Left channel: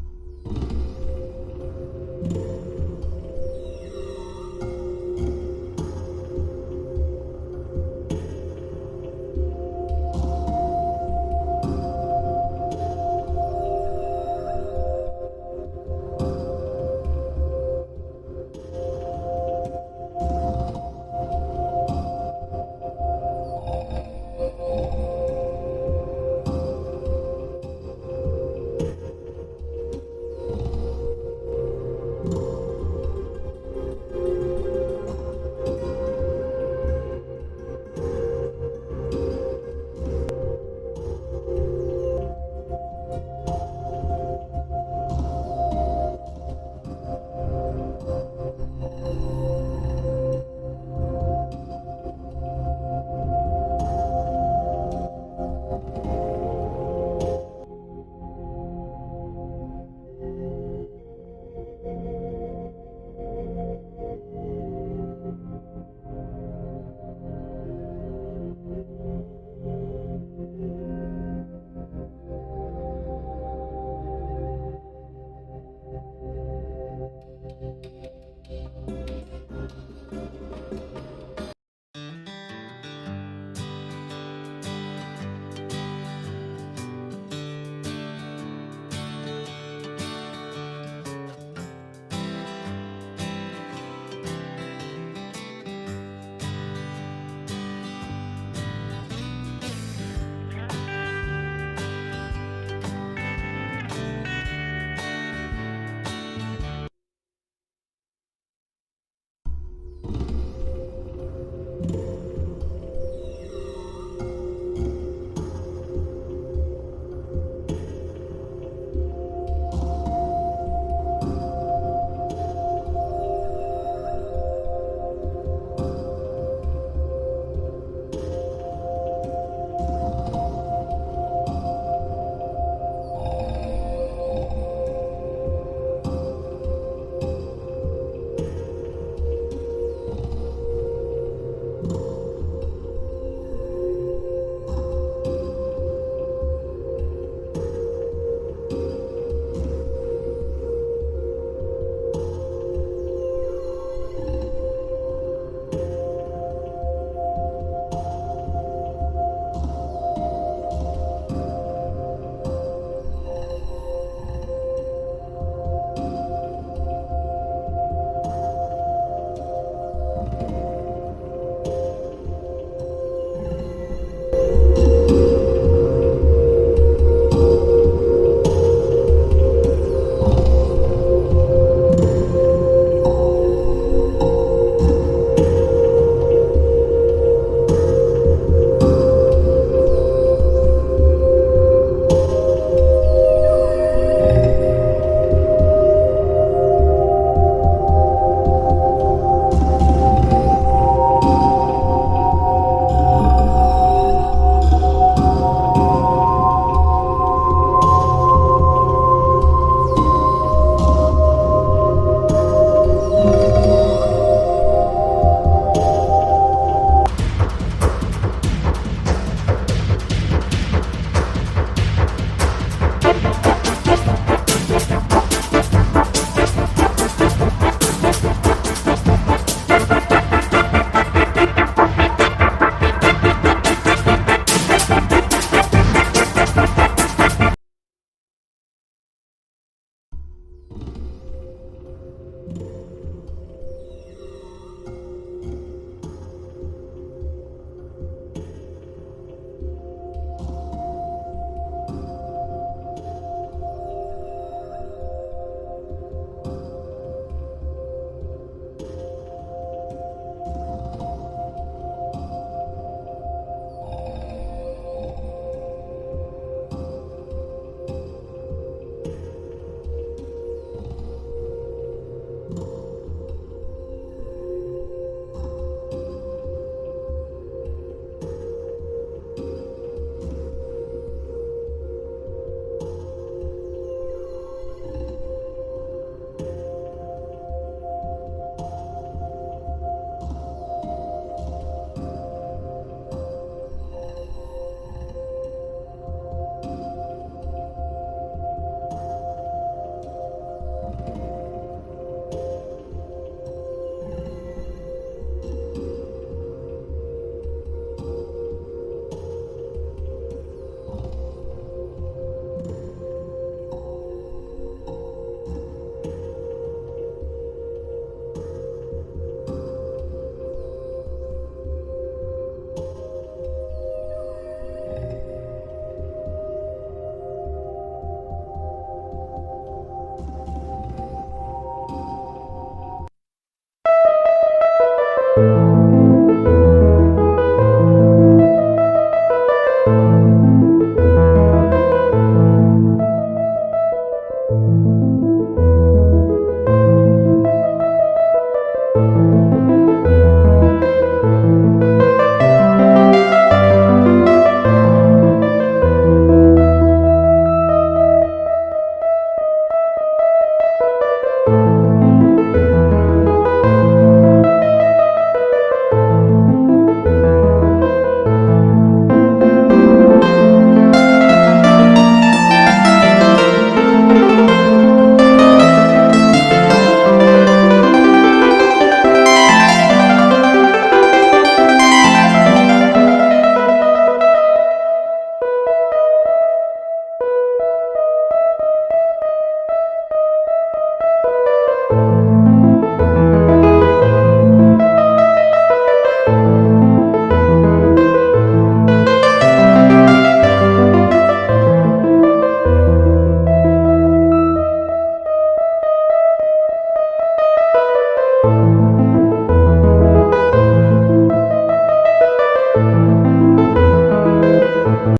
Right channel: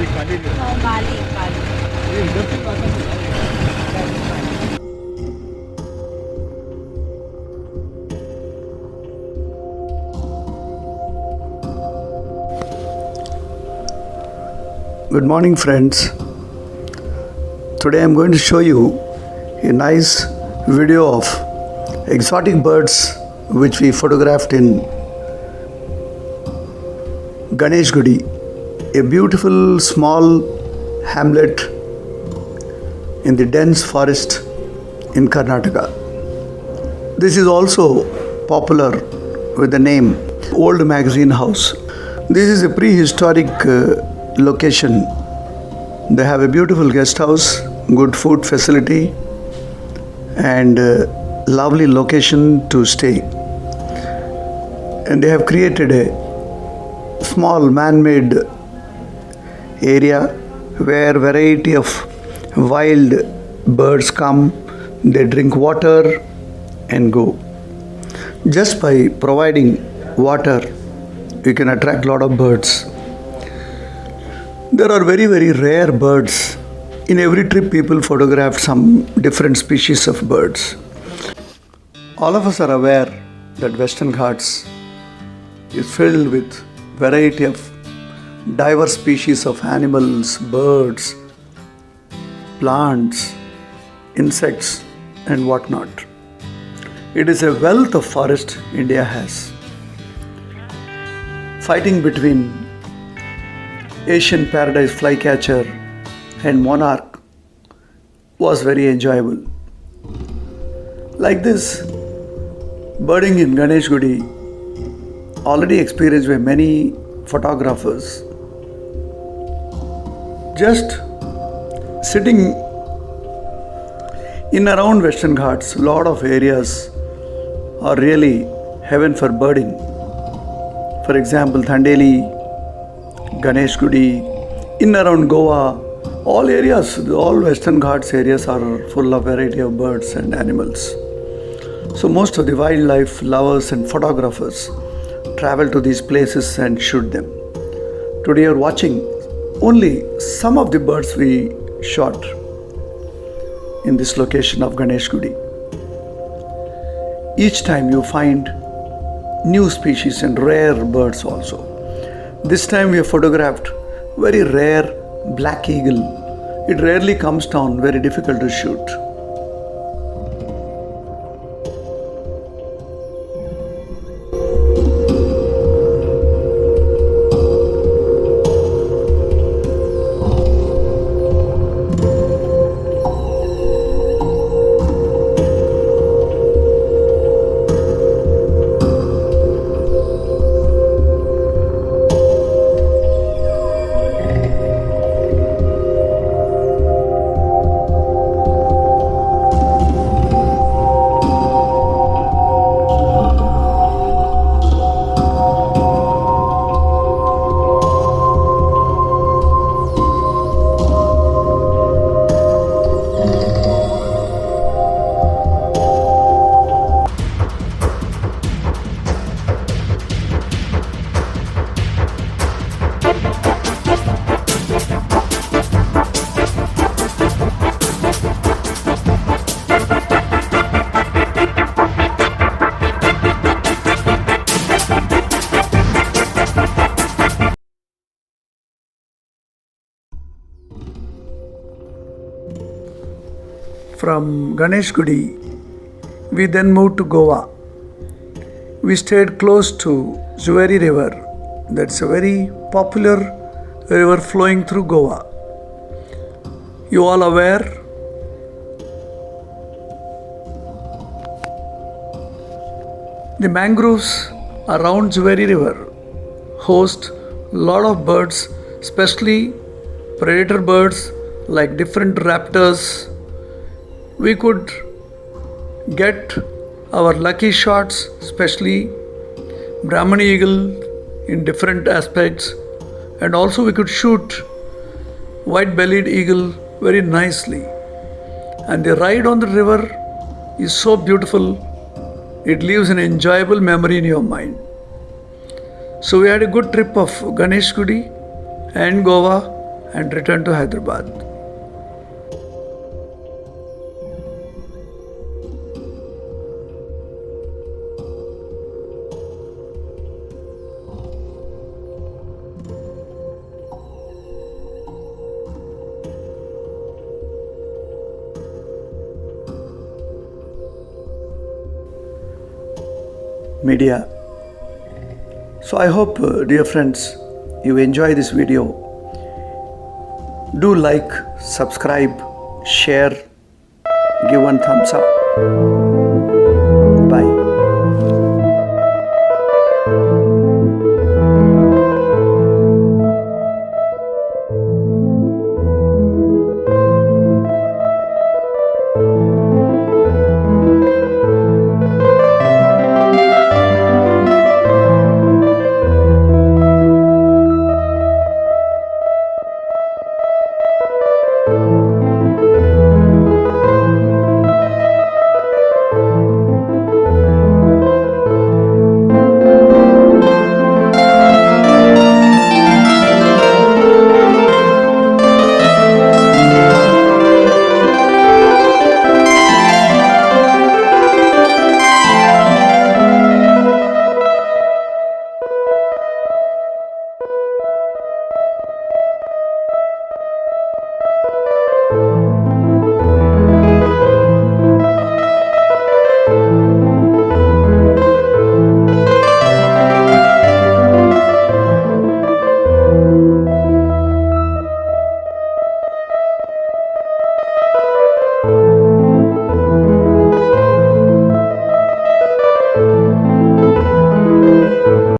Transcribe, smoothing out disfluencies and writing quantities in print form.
No, Bali, Bali. Good morning, friends. Today I'm going to show you a nice video of exotic birds which we photographed in Ganeshgudi, a beautiful small hamlet in the dense forest in Karnataka. This is also popular with the name Old Magazine House. This is a prehistoric location. They have a beautiful guest house, good food facility, and lovely location to stay. And they have created a small man-made area where variety of wild birds come, they drink water and go. Just by providing water, you can attract a lot of birds. There are very, very rare birds. In every trip, people photograph some different species of birds. All of us are aware that Western Ghats is filled with variety of diverse species of animals, birds, plants, insects, and whatnot. It is a wealth of forest India has. Fighting between Asian paradise flycatcher and monarch was very enjoyable. Like this, birding in Ganeshgudi, already experienced by many photographers. Just sitting in around Western Ghats, a lot of areas are really heaven for birding. For example, Thandeli, Ganeshgudi, in around Goa, all areas, all Western Ghats areas are full of variety of birds and animals. So most of the wildlife lovers and photographers travel to these places and shoot them. Today you are watching only some of the birds we shot in this location of Ganeshgudi. Each time you find new species and rare birds also. This time we have photographed very rare black eagle. It rarely comes down, very difficult to shoot. From Ganeshgudi, we then moved to Goa. We stayed close to Zuari River. That's a very popular river flowing through Goa. You all aware? The mangroves around Zuari River host a lot of birds, especially predator birds like different raptors. We could get our lucky shots, especially Brahmani eagle in different aspects, and also we could shoot white-bellied eagle very nicely. And the ride on the river is so beautiful, it leaves an enjoyable memory in your mind. So we had a good trip of Ganeshgudi and Goa and returned to Hyderabad. Media. So I hope, dear friends, you enjoy this video. Do like, subscribe, share, give one thumbs up.